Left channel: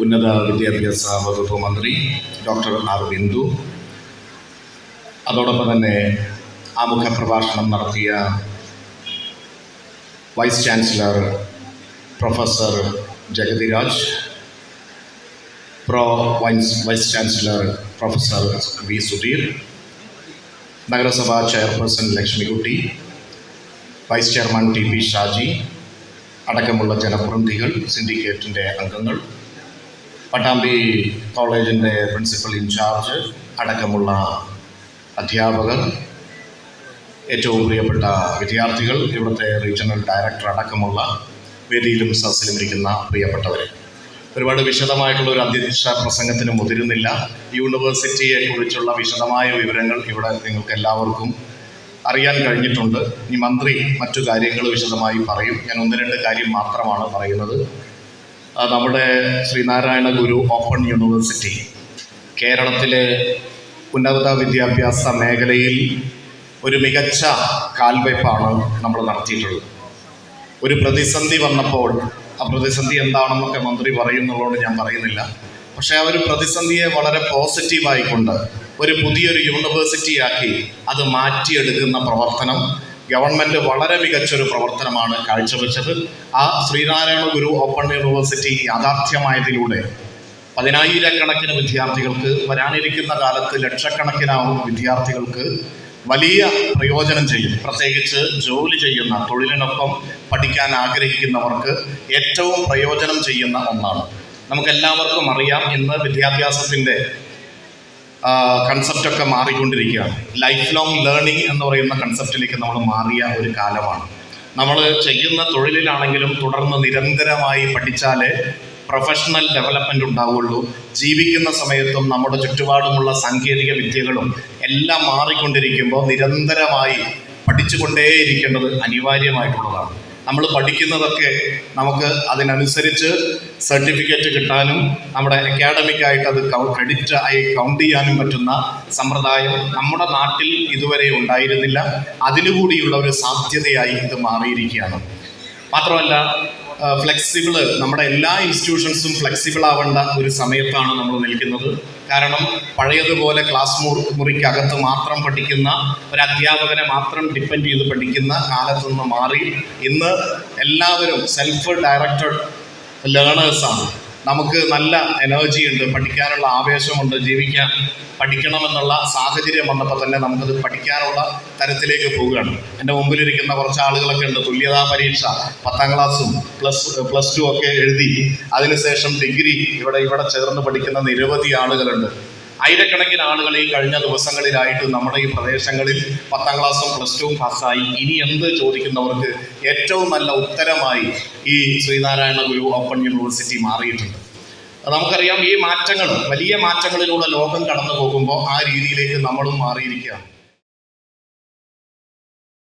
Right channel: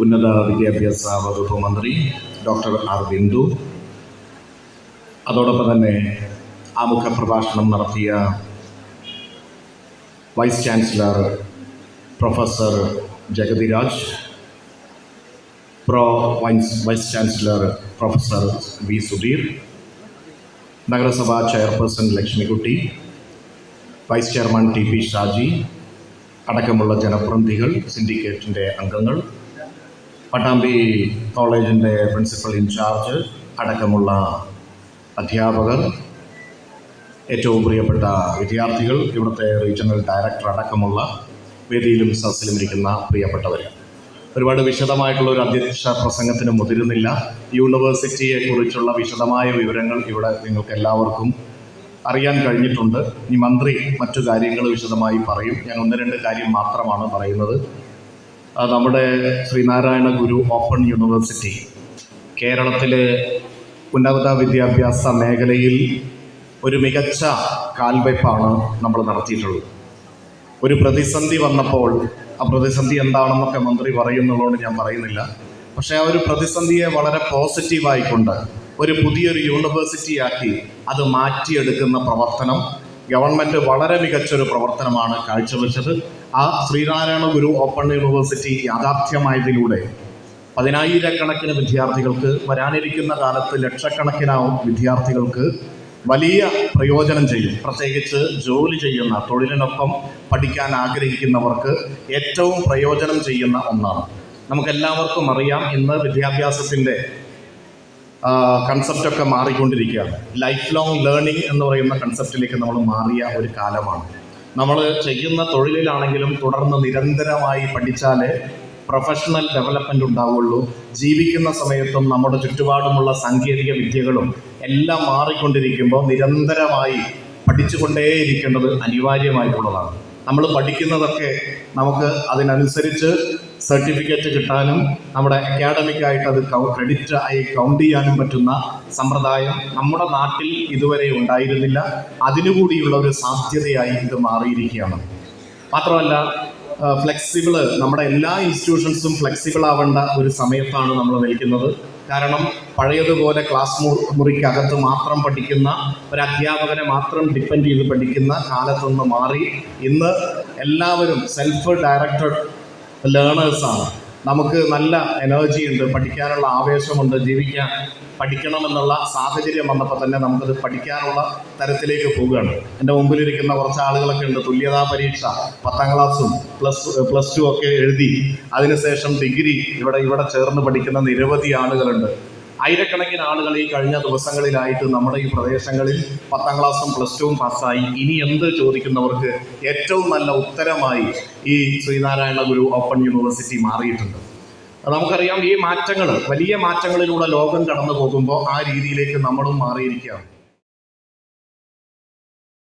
ഉന്നത വിദ്യാഭ്യാസ വകുപ്പ് മന്ത്രി ഡോക്ടർ ആർ ബിന്ദു. അതോടൊപ്പം തന്നെ ആമുഖ പ്രഭാഷണം നടത്തിയ vice chancellor professor Jagathiraj pro vice vice chancellor professor V Sudheer നഗരസഭാ chairperson Lakshmikutty vice chairman T P Shaji അടക്കമുള്ള ജനപ്രതിനിധികൾ സിൻഡിക്കേറ്റിന്റെ അംഗങ്ങൾ പട്ടാമ്പി കോളേജിന്റെ പ്രിൻസിപ്പൽ ഇൻചാർജ് അടക്കമുള്ള അധ്യാപകർ ഏറ്റവും പ്രിയപ്പെട്ട വിദ്യാർത്ഥികൾ ഇവിടുത്തെ റീജിയണൽ ഡയറക്ടർ അടക്കമുള്ള വേദിയിലും സദസ്സിലും ഇരിക്കുന്ന പ്രിയപ്പെട്ടവർ ഒരുപാട് വിശദമായിട്ടുള്ള ഒരു അധ്യക്ഷ പ്രസംഗത്തിന് മുതിരുന്നില്ല. യൂണിവേഴ്സിറ്റിയെ കുറിച്ചുള്ള വിശദമായ വിവരങ്ങൾ ഇവിടെ നിങ്ങൾക്ക് എല്ലാവർക്കും അറിയാൻ കഴിഞ്ഞിട്ടുണ്ട്. ഈ മന്ത്രി മറ്റു കാര്യങ്ങൾ വിശദമായി പറയും. ഞാൻ ഒന്ന് രണ്ട് കാര്യം മാത്രമാണ് പറയുന്നത്. നമ്മുടെ ശ്രീനാരായണ ഗുരു ഓപ്പൺ യൂണിവേഴ്സിറ്റി കേരളത്തിലെ ഉന്നത വിദ്യാഭ്യാസ മേഖലയിൽ ഒരു മികച്ച കാൽവയ്പ്പാണ് നമ്മൾ നടത്തിയിട്ടുള്ളത്. ഒരു പ്രതിസന്ധി വന്നപ്പോൾ ആ പ്രതിസന്ധി എന്താണെന്നൊക്കെ മന്ത്രി പറയുന്നുള്ളതുകൊണ്ട് ഞാൻ പറയുന്നില്ല. പക്ഷേ ആ ഒരു പ്രതിസന്ധിയെ വളരെ പോസിറ്റീവായിക്കൊണ്ട് ഒരു പുതിയൊരു യൂണിവേഴ്സിറ്റിയാക്കി അത് മാറ്റിയെടുക്കുന്ന പ്രവർത്തനം ഗവൺമെന്റ് വളരെ മികച്ചൊരു പ്രവർത്തനമാണ് കാഴ്ചവെച്ചത്. ആ ശ്രീനാരായണ ഗുരു ഓപ്പൺ യൂണിവേഴ്സിറ്റി യാഥാർത്ഥ്യമായതിലൂടെ പതിനായിരക്കണക്കിന് വിദ്യാർത്ഥികൾക്ക് വരാനിരിക്കുന്ന കാലത്ത് ലക്ഷക്കണക്കിനാവും വിദ്യാർത്ഥികൾക്ക് വലിയ പ്രയോജനം ചെയ്യും. പ്രത്യേകിച്ച് ജോലി ചെയ്യുന്ന തൊഴിലിനൊപ്പം പഠിക്കാൻ ആഗ്രഹിക്കുന്നവർക്ക് ഏറ്റവും പ്രയോജനം ചെയ്യുന്ന ഒന്നാണ്. നമുക്കെല്ലാവർക്കും അറിയാം ഇന്ന് വിദ്യാഭ്യാസത്തിന്റെ കൺസെപ്റ്റൊക്കെ മാറിക്കൊണ്ടിരിക്കുകയാണ്. ലൈഫ് ലോങ് ലേണിംഗ് എന്ന് പറയുന്ന കൺസെപ്റ്റിലേക്ക് നമ്മൾ മാറിയ ഒരു കാലമാണ്. നമ്മൾ ചെയ്യുന്ന തൊഴിലിലാണെങ്കിലും തുടർന്ന് നിരന്തരമായി പഠിച്ചാലേ പ്രൊഫഷണൽ ഡെവലപ്മെന്റ് ഉണ്ടാവുള്ളൂ. ജീവിക്കുന്ന സമയത്തും നമ്മുടെ ചുറ്റുപാടുമുള്ള സാങ്കേതിക വിദ്യകളും എല്ലാം മാറിക്കൊണ്ടിരിക്കുമ്പോൾ നിരന്തരമായി പഠിച്ചുകൊണ്ടേയിരിക്കേണ്ടത് അനിവാര്യമായിട്ടുള്ളതാണ്. നമ്മൾ പഠിക്കുന്നതൊക്കെ നമുക്ക് അതിനനുസരിച്ച് സർട്ടിഫിക്കറ്റ് കിട്ടാനും നമ്മുടെ അക്കാഡമിക്കായിട്ട് അത് ക്രെഡിറ്റ് ആയി കൗണ്ട് ചെയ്യാനും പറ്റുന്ന സമ്പ്രദായം നമ്മുടെ നാട്ടിൽ ഇതുവരെ ഉണ്ടായിരുന്നില്ല. അതിനുകൂടിയുള്ള ഒരു സാധ്യതയായി ഇത് മാറിയിരിക്കുകയാണ്. മാത്രമല്ല ഫ്ലെക്സിബിൾ നമ്മുടെ എല്ലാ ഇൻസ്റ്റിറ്റ്യൂഷൻസും ഫ്ലെക്സിബിൾ ആവേണ്ട ഒരു സമയത്താണ് നമ്മൾ നിൽക്കുന്നത്. കാരണം പഴയതുപോലെ ക്ലാസ് മുറിക്കകത്ത് മാത്രം പഠിക്കുന്ന ഒരു അധ്യാപകനെ മാത്രം ഡിപ്പെൻഡ് ചെയ്ത് പഠിക്കുന്ന കാലത്തു നിന്ന് മാറി. ഇന്ന് എല്ലാവരും സെൽഫ് ഡയറക്റ്റഡ് ലേണേഴ്സാണ്. നമുക്ക് നല്ല എനർജി ഉണ്ട് പഠിക്കാനുള്ള ആവേശമുണ്ട് ജീവിക്കാൻ പഠിക്കണമെന്നുള്ള സാഹചര്യം വന്നപ്പോൾ തന്നെ നമുക്കത് പഠിക്കാനുള്ള തരത്തിലേക്ക് പോവുകയാണ്. എന്റെ മുമ്പിലിരിക്കുന്ന കുറച്ച് ആളുകളൊക്കെ ഉണ്ട് തുല്യതാ പരീക്ഷ പത്താം ക്ലാസ്സും പ്ലസ് പ്ലസ് ടു ഒക്കെ എഴുതി അതിനുശേഷം ഡിഗ്രി ഇവിടെ ഇവിടെ ചേർന്ന് പഠിക്കുന്ന നിരവധി ആളുകളുണ്ട്. ആയിരക്കണക്കിന് ആളുകൾ ഈ കഴിഞ്ഞ ദിവസങ്ങളിലായിട്ട് നമ്മുടെ ഈ പ്രദേശങ്ങളിൽ പത്താം ക്ലാസ്സും പ്ലസ് ടുവും പാസ്സായി. ഇനി എന്ത് ചോദിക്കുന്നവർക്ക് ഏറ്റവും നല്ല ഉത്തരമായി ഈ ശ്രീനാരായണ ഗുരു ഓപ്പൺ യൂണിവേഴ്സിറ്റി മാറിയിട്ടുണ്ട്. നമുക്കറിയാം ഈ മാറ്റങ്ങൾ വലിയ മാറ്റങ്ങളിലൂടെ ലോകം കടന്നു പോകുമ്പോൾ ആ രീതിയിലേക്ക് നമ്മളും മാറിയിരിക്കുകയാണ്.